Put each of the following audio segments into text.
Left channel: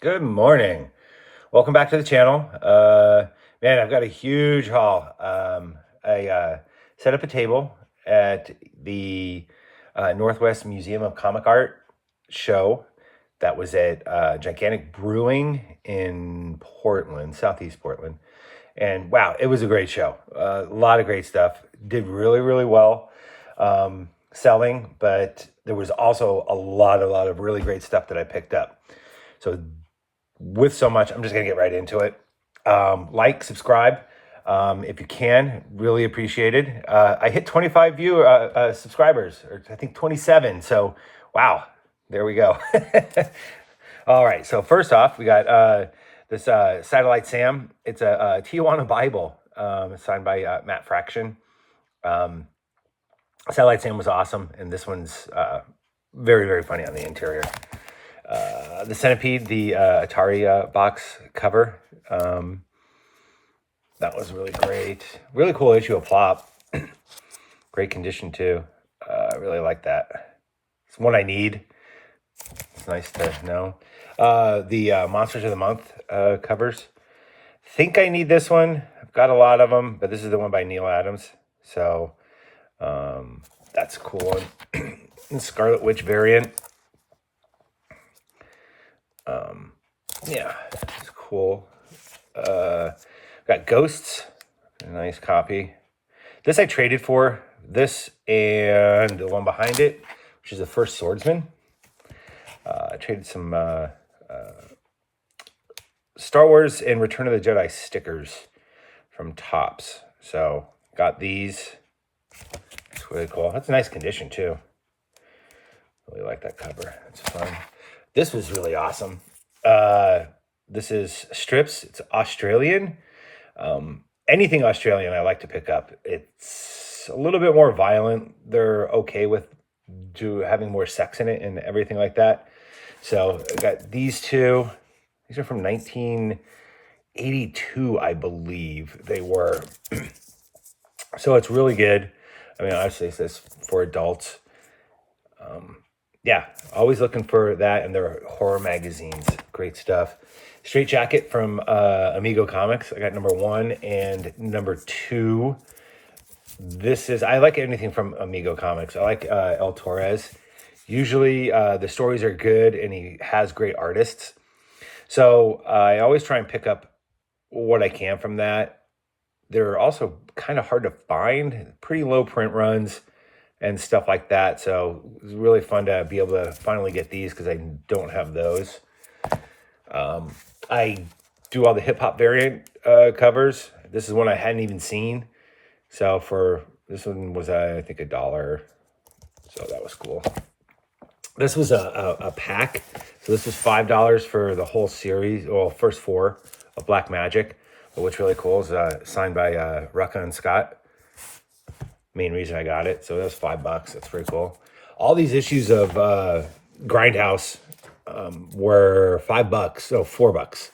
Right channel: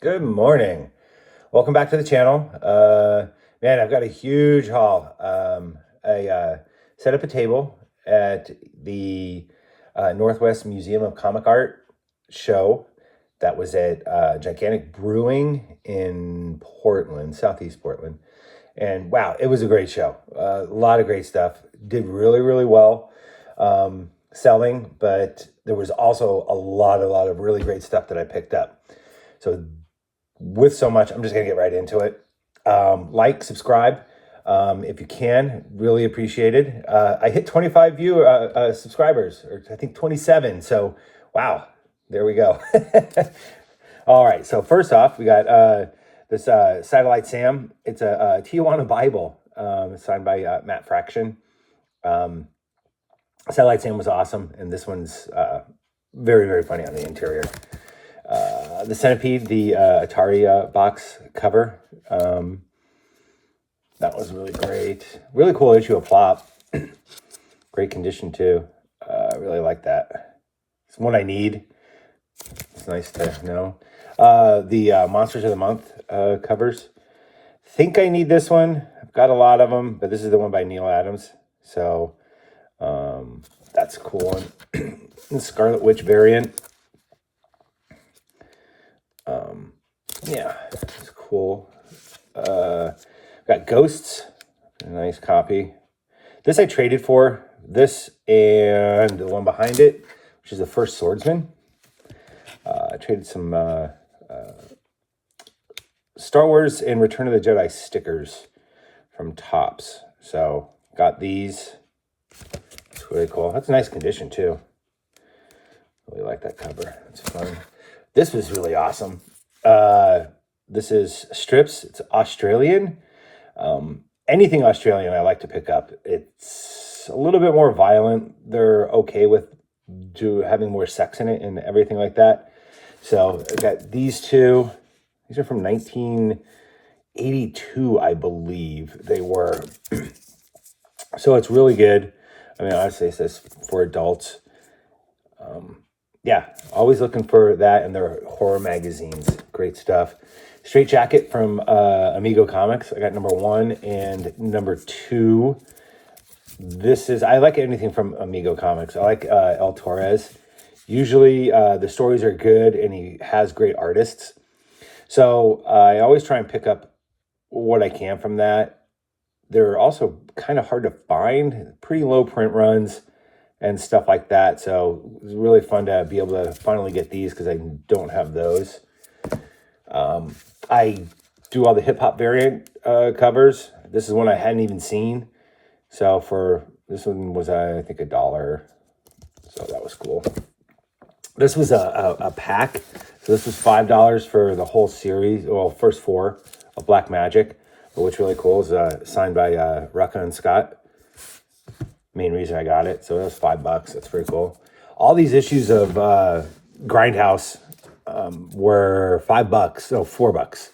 Good morning. Welcome back to the channel. Man, I've got a huge haul. I set up a table at the Northwest Museum of Comic Art show that was at Gigantic Brewing in Portland, Southeast Portland. And wow, it was a great show. A lot of great stuff. Did really, really well selling, but there was also a lot of really great stuff that I picked up. So with so much, I'm just gonna get right into it. Like, subscribe, if you can, really appreciated. I hit 25 subscribers, or I think 27. So wow, there we go. All right, so first off, we got this Satellite Sam. It's a Tijuana Bible, signed by Matt Fraction. Satellite Sam was awesome, and this one's very, very funny on the interior. The Centipede, the Atari box cover. That was really great. Really cool issue of Flop. Great condition too. I really like that. It's one I need. It's nice to know. The Monsters of the Month covers. Think I need this one. I've got a lot of them, but this is the one by Neil Adams. So that's a cool one. Scarlet Witch variant. Yeah, it's cool. Got Ghosts, a nice copy. This I traded for, this and the one behind it, which is the First Swordsman. I traded some Star Wars and Return of the Jedi stickers from Topps. So got these. It's really cool. That's a nice condition too. Really like that cover. It's fun. This was really awesome. This is strips. It's Australian. Anything Australian I like to pick up. It's a little bit more violent. They're okay with having more sex in it and everything like that. So I got these two. These are from 1982, I believe they were. So it's really good. I mean, obviously it says for adults. Yeah, always looking for that, and their horror magazines. Great stuff. Straight Jacket from Amigo Comics. I got number 1 and number 2. I like anything from Amigo Comics. I like El Torres. Usually the stories are good, and he has great artists. So I always try and pick up what I can from that. They're also kind of hard to find. Pretty low print runs and stuff like that. So it was really fun to be able to finally get these because I don't have those. I do all the hip hop variant covers. This is one I hadn't even seen. So for this one was, I think, $1. So that was cool. This was a pack. So this was $5 for the whole series. Well, first 4 of Black Magic. But what's really cool is signed by Rucka and Scott. Main reason I got it. So that was $5. That's pretty cool. All these issues of Grindhouse were $5. No, $4.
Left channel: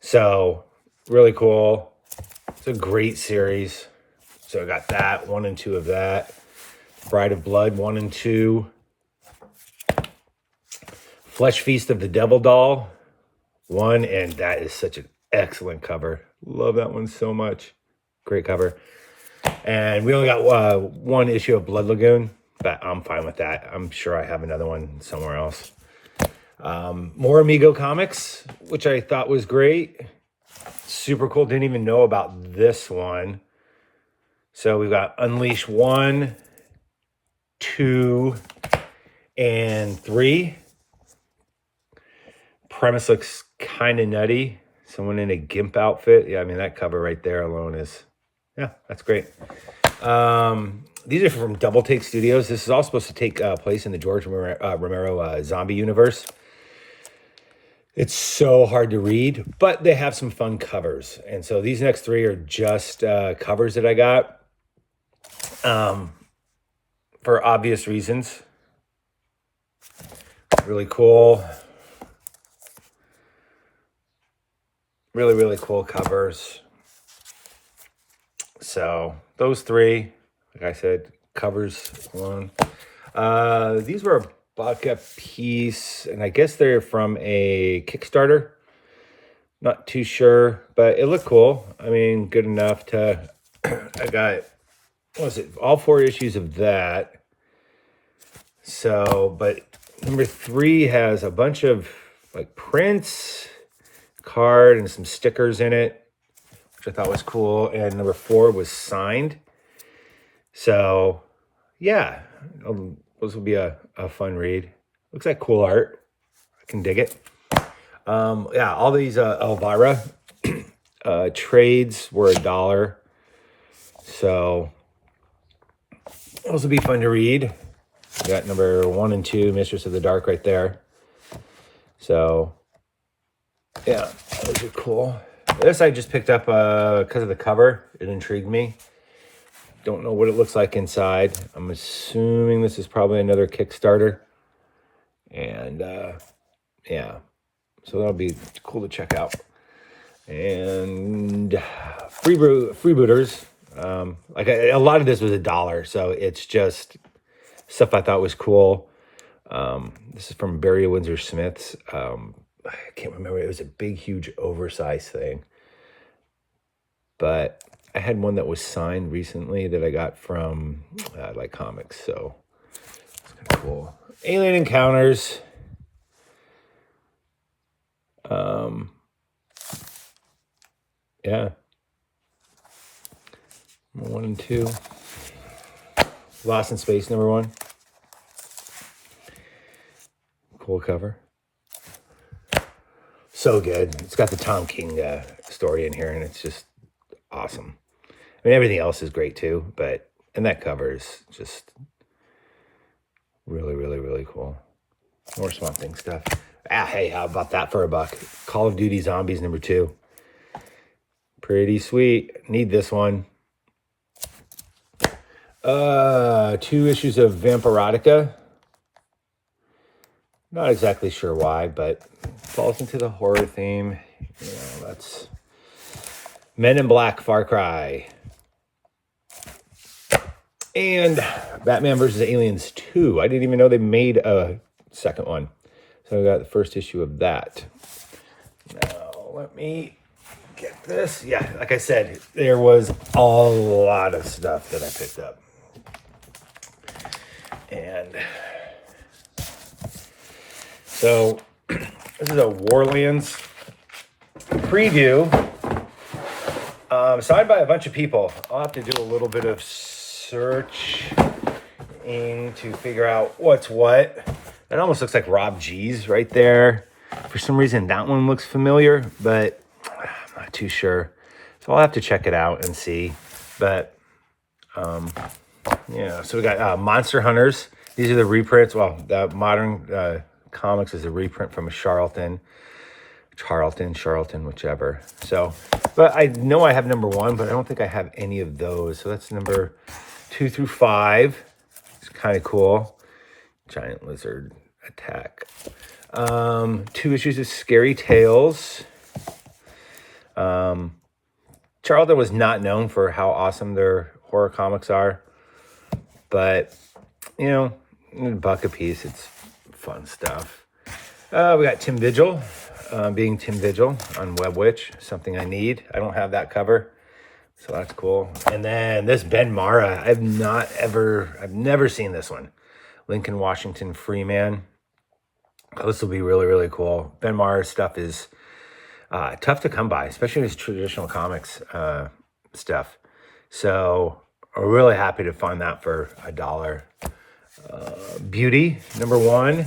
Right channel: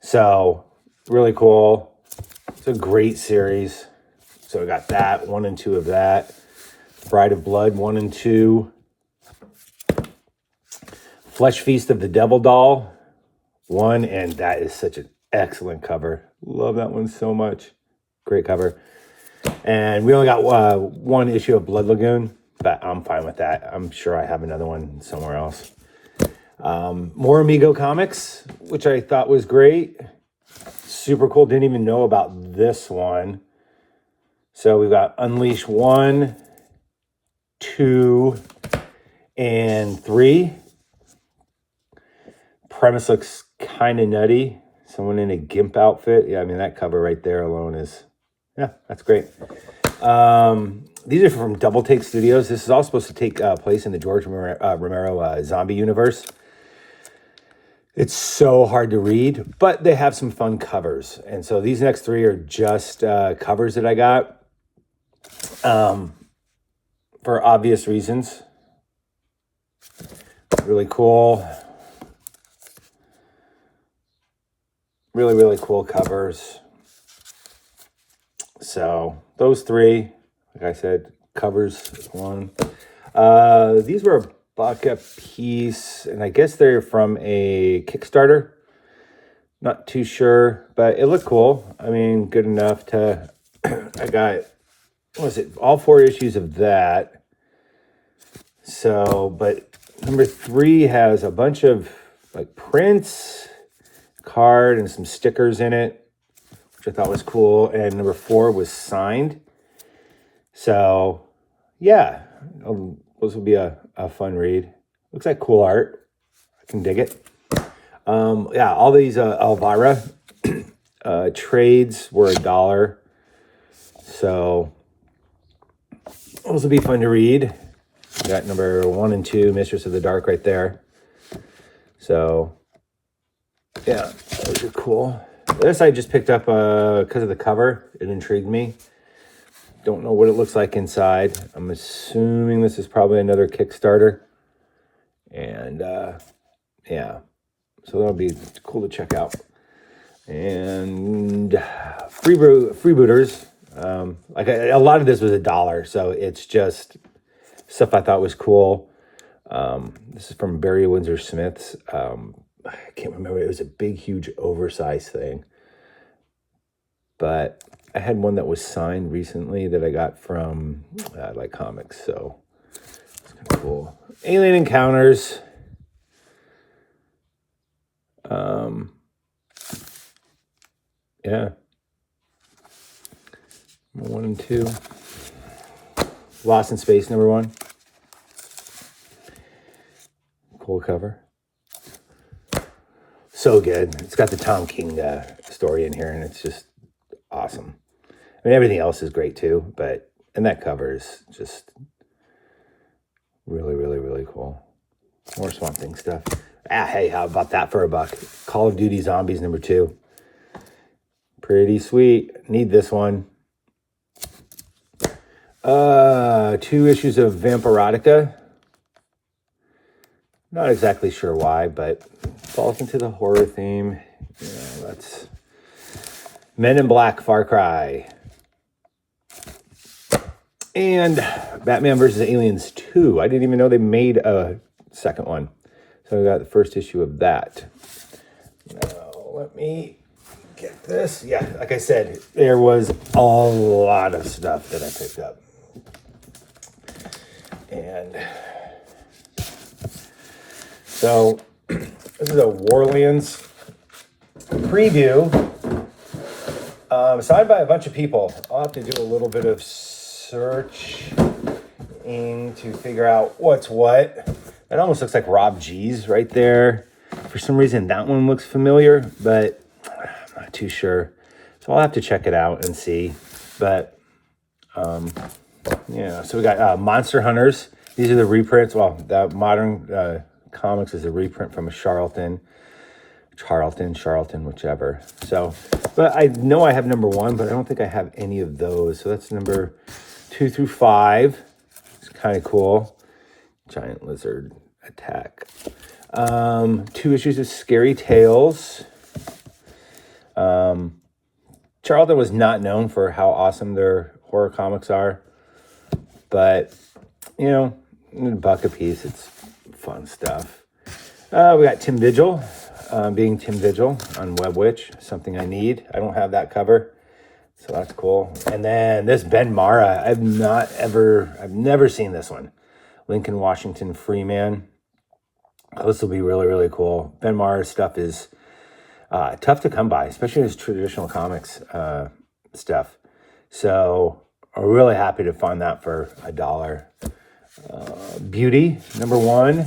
So really cool. It's a great series. So I got that, 1 and 2 of that. Bride of Blood, 1 and 2. Flesh Feast of the Devil Doll, 1, and that is such an excellent cover. Love that one so much. Great cover. And we only got 1 issue of Blood Lagoon, but I'm fine with that. I'm sure I have another one somewhere else. More Amigo Comics, which I thought was great. Super cool. Didn't even know about this one. So we've got Unleash 1, 2, and 3. Premise looks kind of nutty. Someone in a GIMP outfit. Yeah, I mean, that cover right there alone is... Yeah, that's great. These are from Double Take Studios. This is all supposed to take place in the George Romero zombie universe. It's so hard to read, but they have some fun covers. And so these next 3 are just covers that I got for obvious reasons. Really cool. Really, really cool covers. So those 3, like I said, covers 1. These were buck a piece, and I guess they're from a Kickstarter. Not too sure, but it looked cool. I mean, good enough to, I got, what was it, all 4 issues of that. So, but number 3 has a bunch of like prints, card, and some stickers in it, which I thought was cool. And number 4 was signed. So, yeah, this will be a fun read. Looks like cool art. I can dig it. Yeah, all these Elvira trades were $1. So those will be fun to read. We got number 1 and 2, Mistress of the Dark, right there. So yeah, those are cool. This I just picked up because of the cover. It intrigued me. Don't know what it looks like inside. I'm assuming this is probably another Kickstarter. And yeah. So that'll be cool to check out. And freebooters. Like a lot of this was $1, so it's just stuff I thought was cool. This is from Barry Windsor Smith's. I can't remember. It was a big, huge, oversized thing. But I had one that was signed recently that I got from like comics, so it's kind of cool. Alien Encounters. Yeah. 1 and 2. Lost in Space, number 1. Cool cover. So good. It's got the Tom King story in here, and it's just awesome. I mean, everything else is great too, but and that cover is just really, really, really cool. More Swamp Thing stuff. Hey, how about that for $1? Call of Duty Zombies number 2. Pretty sweet. Need this one. 2 issues of Vampirotica. Not exactly sure why, but falls into the horror theme. Yeah, let's Men in Black, Far Cry. And Batman vs. Aliens 2. I didn't even know they made a second one. So we got the first issue of that. Now, let me get this. Yeah, like I said, there was a lot of stuff that I picked up. And so this is a Warlands preview, signed by a bunch of people. I'll have to do a little bit of searching to figure out what's what. It almost looks like Rob G's right there. For some reason, that one looks familiar, but I'm not too sure. So I'll have to check it out and see. But yeah, so we got Monster Hunters. These are the reprints. Well, the Modern Comics is a reprint from a Charlton, whichever. So, but I know I have number 1, but I don't think I have any of those. So that's number 2 through 5. It's kind of cool. Giant Lizard Attack. 2 issues of Scary Tales. Charlton was not known for how awesome their horror comics are, but you know, $1 a piece, it's fun stuff. We got Tim Vigil, being Tim Vigil on Web Witch, something I need. I don't have that cover, so that's cool. And then this Ben Mara, I've never seen this one. Lincoln Washington Freeman. This will be really, really cool. Ben Mara's stuff is tough to come by, especially his traditional comics stuff. So I'm really happy to find that for $1. Beauty, number 1.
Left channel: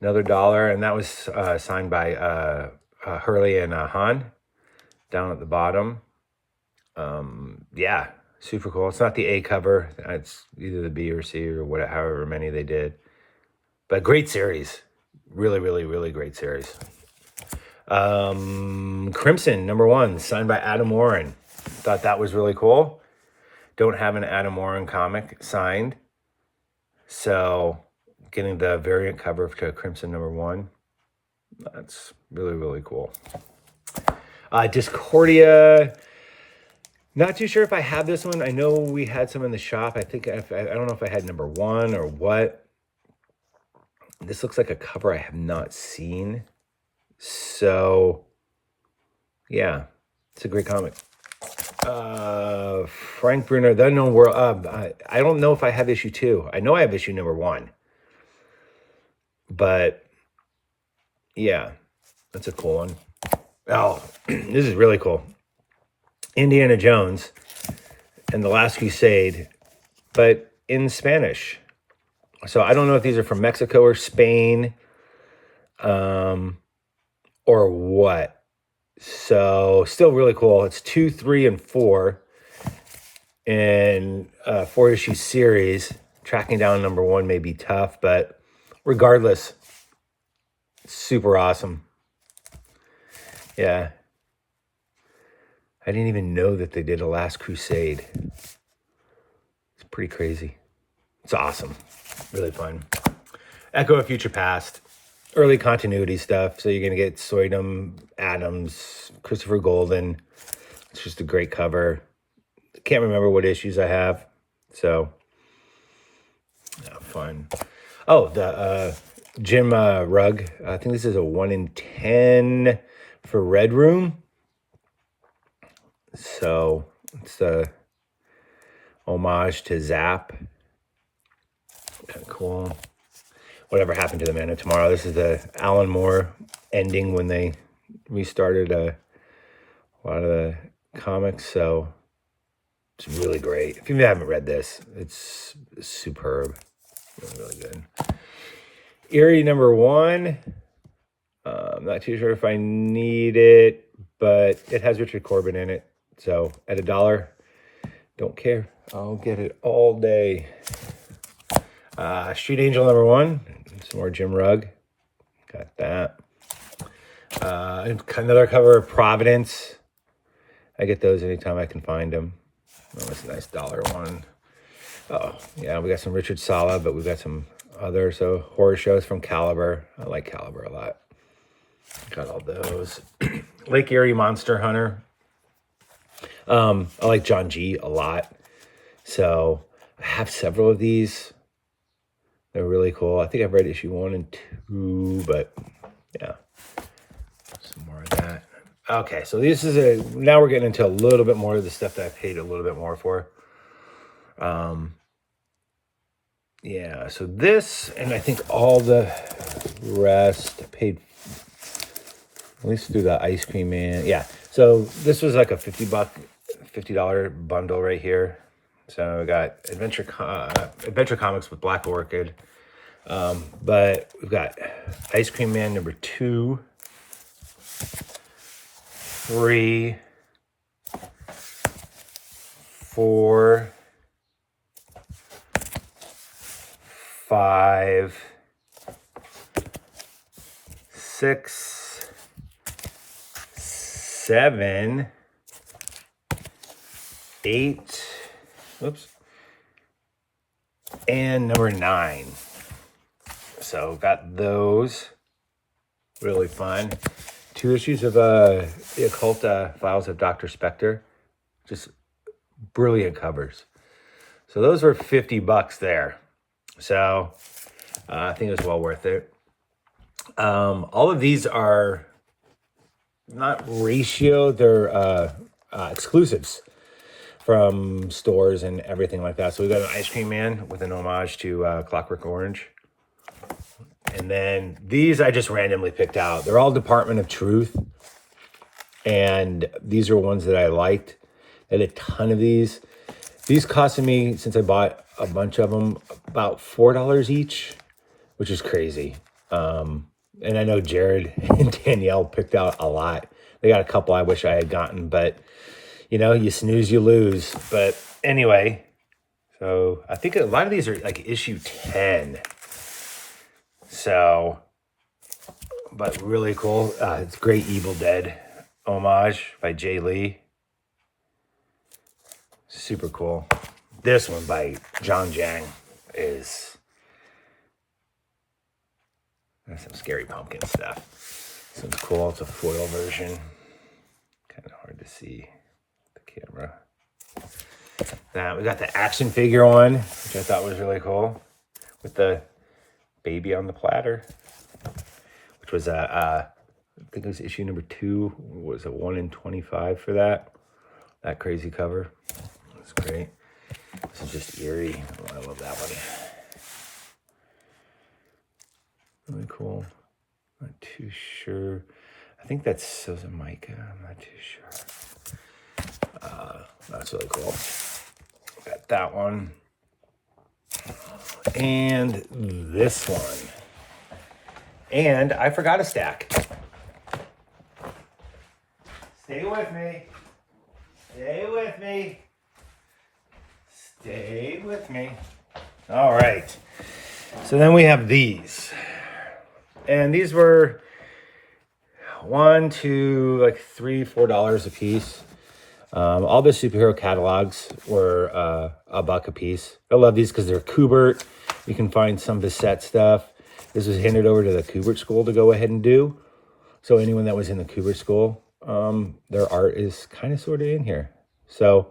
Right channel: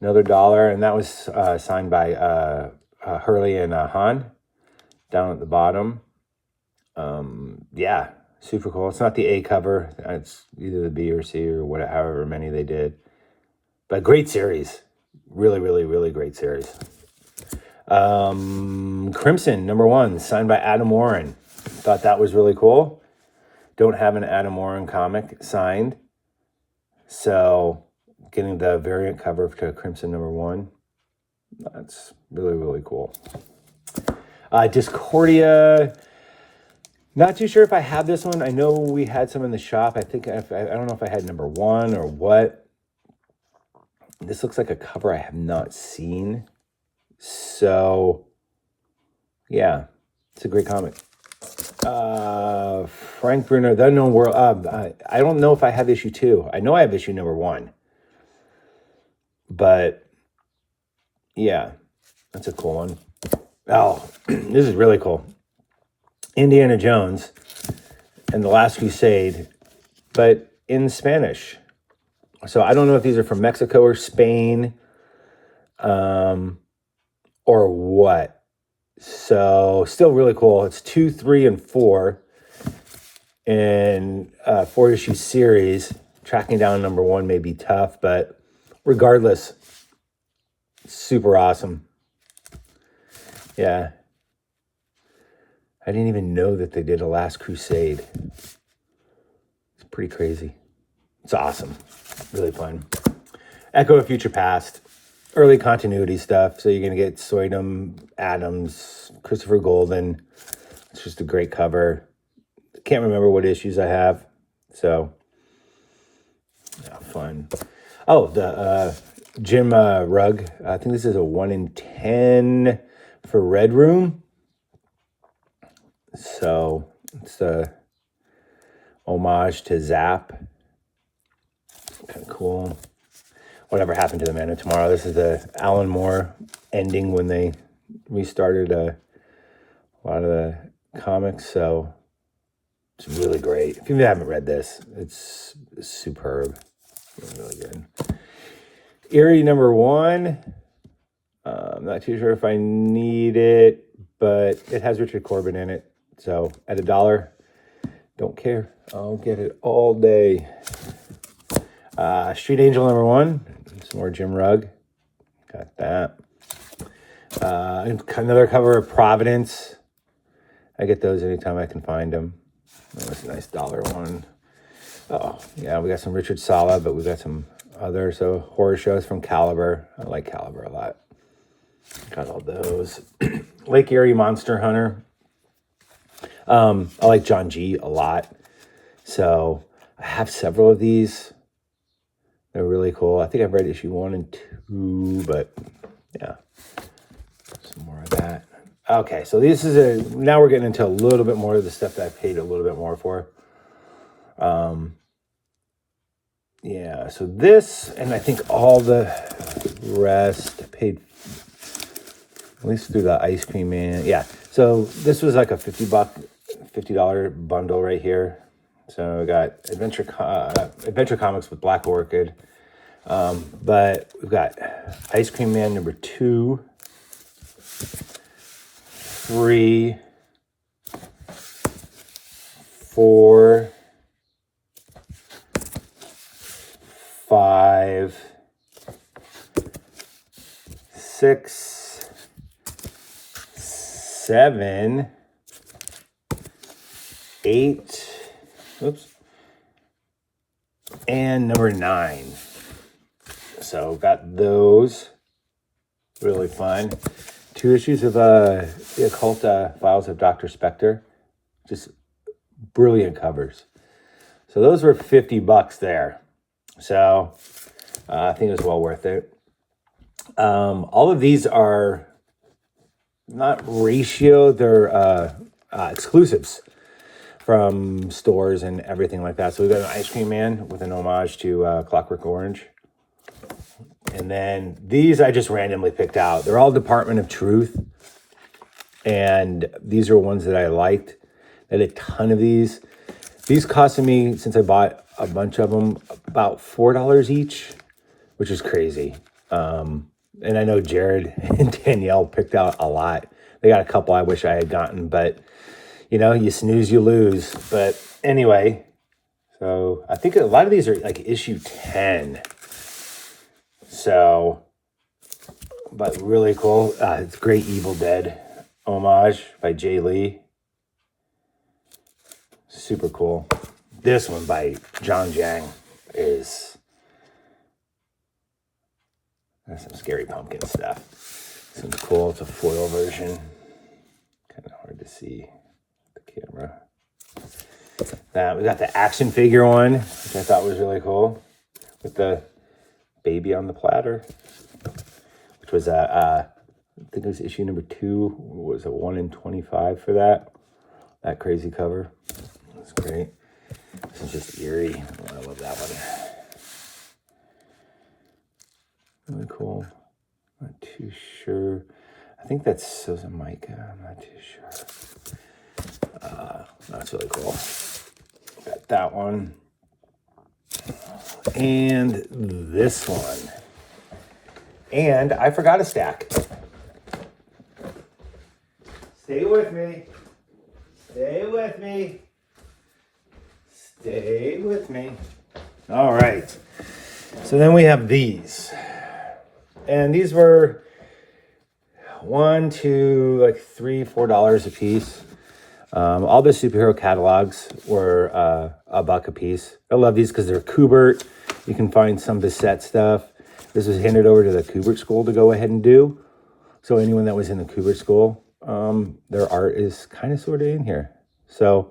Another $1, and that was signed by Hurley and Hahn down at the bottom. Yeah, super cool. It's not the A cover. It's either the B or C or whatever, however many they did. But great series. Really, really, really great series. Crimson, number 1, signed by Adam Warren. Thought that was really cool. Don't have an Adam Warren comic signed. So getting the variant cover to Crimson number 1. That's really, really cool. Discordia. Not too sure if I have this one. I know we had some in the shop. I don't know if I had number 1 or what. This looks like a cover I have not seen. So, yeah, it's a great comic. Frank Bruno, The Unknown World. I don't know if I have issue 2. I know I have issue number 1. But, yeah, that's a cool one. Oh, this is really cool. Indiana Jones and the Last Crusade, but in Spanish. So I don't know if these are from Mexico or Spain, or what. So still really cool. It's 2, 3, and 4 in 4-issue series. Tracking down number 1 may be tough, but regardless, super awesome. Yeah. I didn't even know that they did a Last Crusade. It's pretty crazy. It's awesome. Really fun. Echo of Future Past. Early continuity stuff. So you're going to get Soydom, Adams, Christopher Golden. It's just a great cover. Can't remember what issues I have. So, fun. Oh, the Jim Rugg. I think this is a 1 in 10 for Red Room. So it's a homage to Zap. Kind of cool. Whatever happened to the Man of Tomorrow. This is the Alan Moore ending when they restarted a lot of the comics. So it's really great. If you haven't read this, it's superb. Really good. Eerie number 1. I'm not too sure if I need it, but it has Richard Corbin in it. So at $1, don't care. I'll get it all day. Street Angel number 1. Some more Jim Rugg. Got that. Another cover of Providence. I get those anytime I can find them. Oh, that's a nice $1 one. Oh, yeah, we got some Richard Sala, but we got some other horror shows from Caliber. I like Caliber a lot. Got all those. Lake Erie Monster Hunter. I like John G. a lot. So I have several of these. They're really cool. I think I've read issue 1 and 2, but yeah. Some more of that. Okay, so this is now we're getting into a little bit more of the stuff that I paid a little bit more for. Yeah, so this, and I think all the rest paid, at least through the Ice Cream Man. Yeah, so this was like a $50 bundle right here. So we got Adventure Comics with Black Orchid. But we've got Ice Cream Man number 2, 3, 4, 5, 6, 7, 8, oops, and number 9. So got those. Really fun. 2 issues of the Occult Files of Dr. Spectre. Just brilliant covers. So those were $50 there. So I think it was well worth it. All of these are not ratio, they're exclusives from stores and everything like that. So we got an Ice Cream Man with an homage to Clockwork Orange. And then these I just randomly picked out. They're all Department of Truth. And these are ones that I liked. I had a ton of these. These costed me, since I bought a bunch of them, about $4 each, which is crazy. And I know Jared and Danielle picked out a lot. They got a couple I wish I had gotten, but you know, you snooze, you lose. But anyway, so I think a lot of these are like issue 10. So, but really cool. It's Great Evil Dead homage by Jay Lee. Super cool. This one by John Jang is, that's some Scary Pumpkin stuff. This one's cool. It's a foil version. Kind of hard to see the camera. We got the action figure one, which I thought was really cool, with the Baby on the Platter, which was I think it was issue number 2. What was it, 1 in 25 for that? That crazy cover. That's great. This is just eerie. Oh, I love that one. Really cool. Not too sure. I think that's Susan Micah. I'm not too sure. That's really cool. Got that one. And this one. And I forgot a stack. Stay with me. Stay with me. Stay with me. All right. So then we have these. And these were $1, $2, like $3, $4 a piece. All the superhero catalogs were $1 a piece. I love these because they're Kubert. You can find some Bissett stuff. This was handed over to the Kubert School to go ahead and do. So anyone that was in the Kubert School, their art is kind of sort of in here. So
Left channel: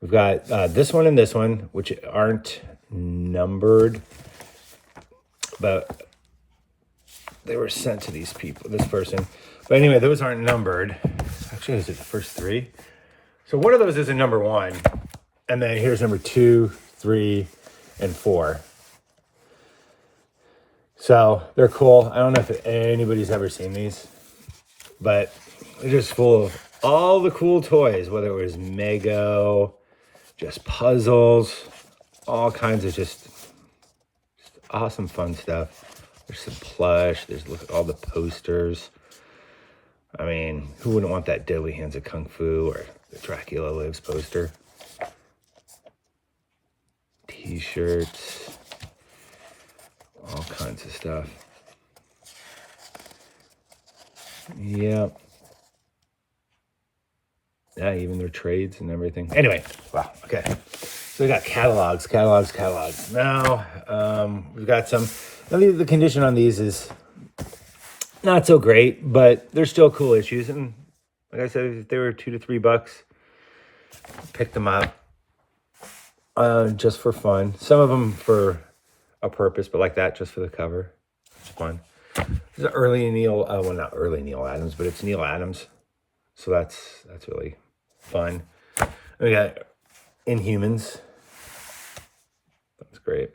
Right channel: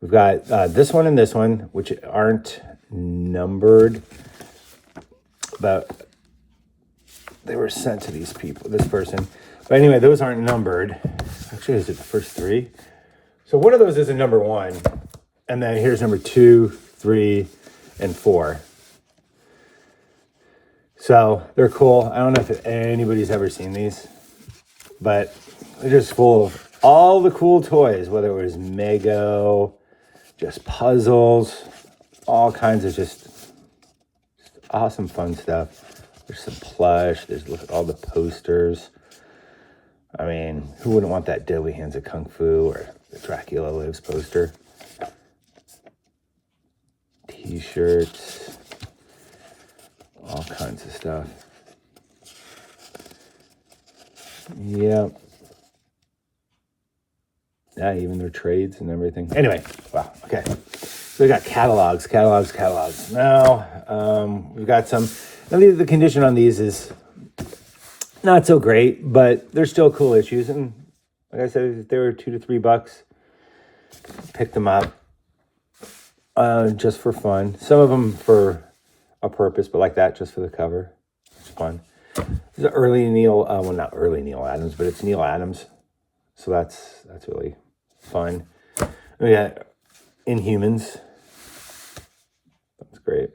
we've got this one and this one, which aren't numbered, but they were sent to these people, this person. But anyway, those aren't numbered. Actually, is it the first 3? So one of those is a number 1. And then here's number 2, 3, and 4. So they're cool. I don't know if anybody's ever seen these, but they're just full of all the cool toys, whether it was Mego, just puzzles, all kinds of just awesome fun stuff. There's some plush. There's, look at all the posters. I mean, who wouldn't want that Deadly Hands of Kung Fu or the Dracula Lives poster? T-shirts. All kinds of stuff. Yep. Yeah, even their trades and everything. Anyway, wow, okay. So we got catalogs. Now, we've got some. Now, the condition on these is not so great, but they're still cool issues. And like I said, if they were $2 to $3, pick them up just for fun. Some of them for a purpose, but like that, just for the cover. It's fun. This is early Neil, well, not early Neil Adams, but it's Neil Adams. So that's really fun. We got Inhumans. That's great.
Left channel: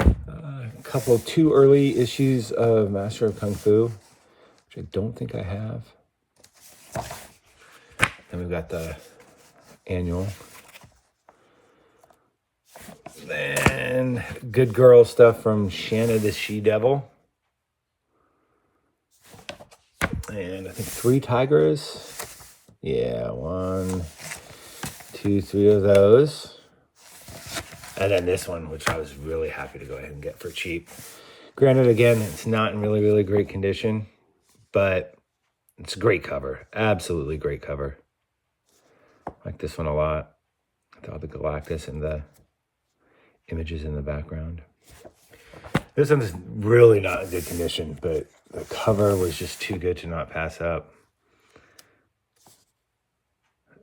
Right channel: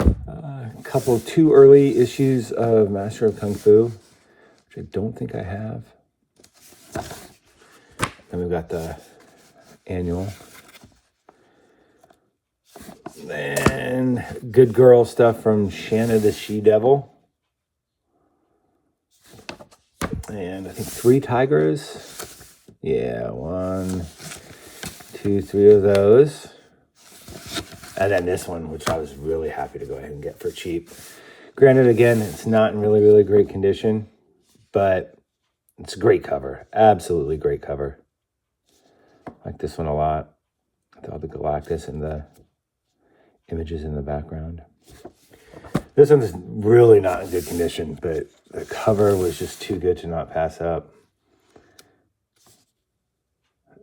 A two early issues of Master of Kung Fu, which I don't think I have. Then we've got the annual. And Good Girl stuff from Shanna the She-Devil. And I think 3 Tigers. Yeah, 1, 2, 3 of those. And then this one, which I was really happy to go ahead and get for cheap. Granted, again, it's not in really, really great condition, but it's a great cover. Absolutely great cover. I like this one a lot. With all the Galactus and the images in the background. This one's really not in good condition, but the cover was just too good to not pass up.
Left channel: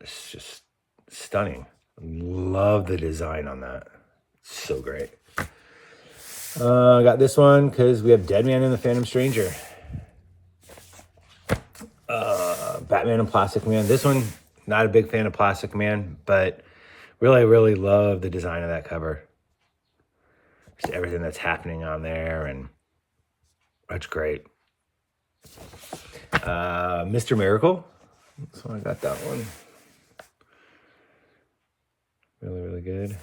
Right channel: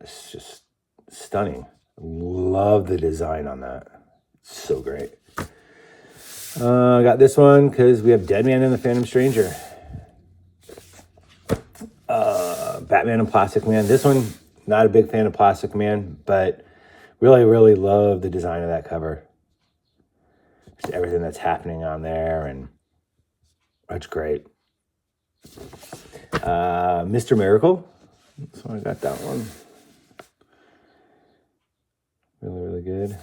It's just stunning. Love the design on that. So great. I got this one because we have Deadman and the Phantom Stranger. Batman and Plastic Man. This one, not a big fan of Plastic Man, but really, really love the design of that cover. Just everything that's happening on there, and that's great. Mr. Miracle. So I got that one. Really, really good.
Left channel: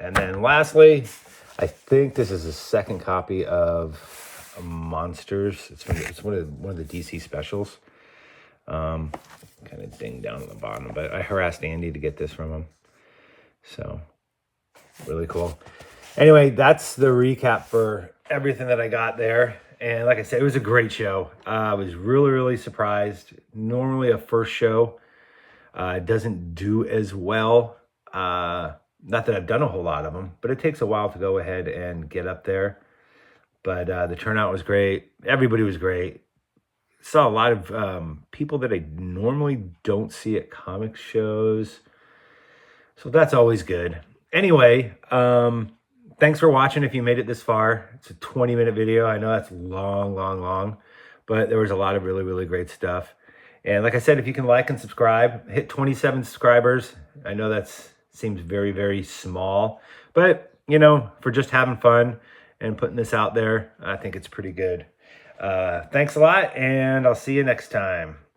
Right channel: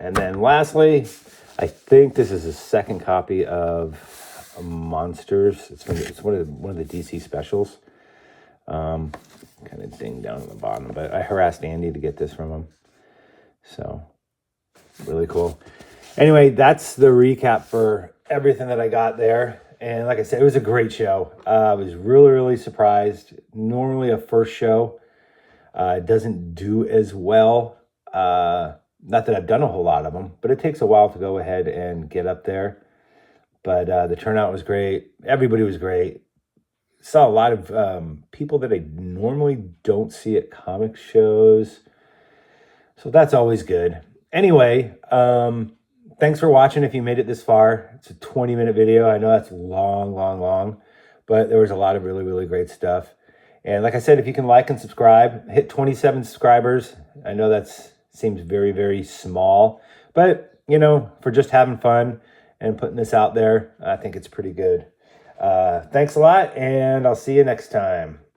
And then lastly, I think this is a second copy of Monsters. It's one of the DC specials. Kind of ding down at the bottom, but I harassed Andy to get this from him. So really cool. Anyway, that's the recap for everything that I got there. And like I said, it was a great show. I was really, really surprised. Normally a first show doesn't do as well. Not that I've done a whole lot of them, but it takes a while to go ahead and get up there. But the turnout was great. Everybody was great. Saw a lot of people that I normally don't see at comic shows. So that's always good. Anyway, thanks for watching if you made it this far. It's a 20-minute video. I know that's long, but there was a lot of really great stuff. And like I said, if you can like and subscribe, hit 27 subscribers. I know that seems very small, but you know, for just having fun and putting this out there, I think it's pretty good. Thanks a lot, and I'll see you next time.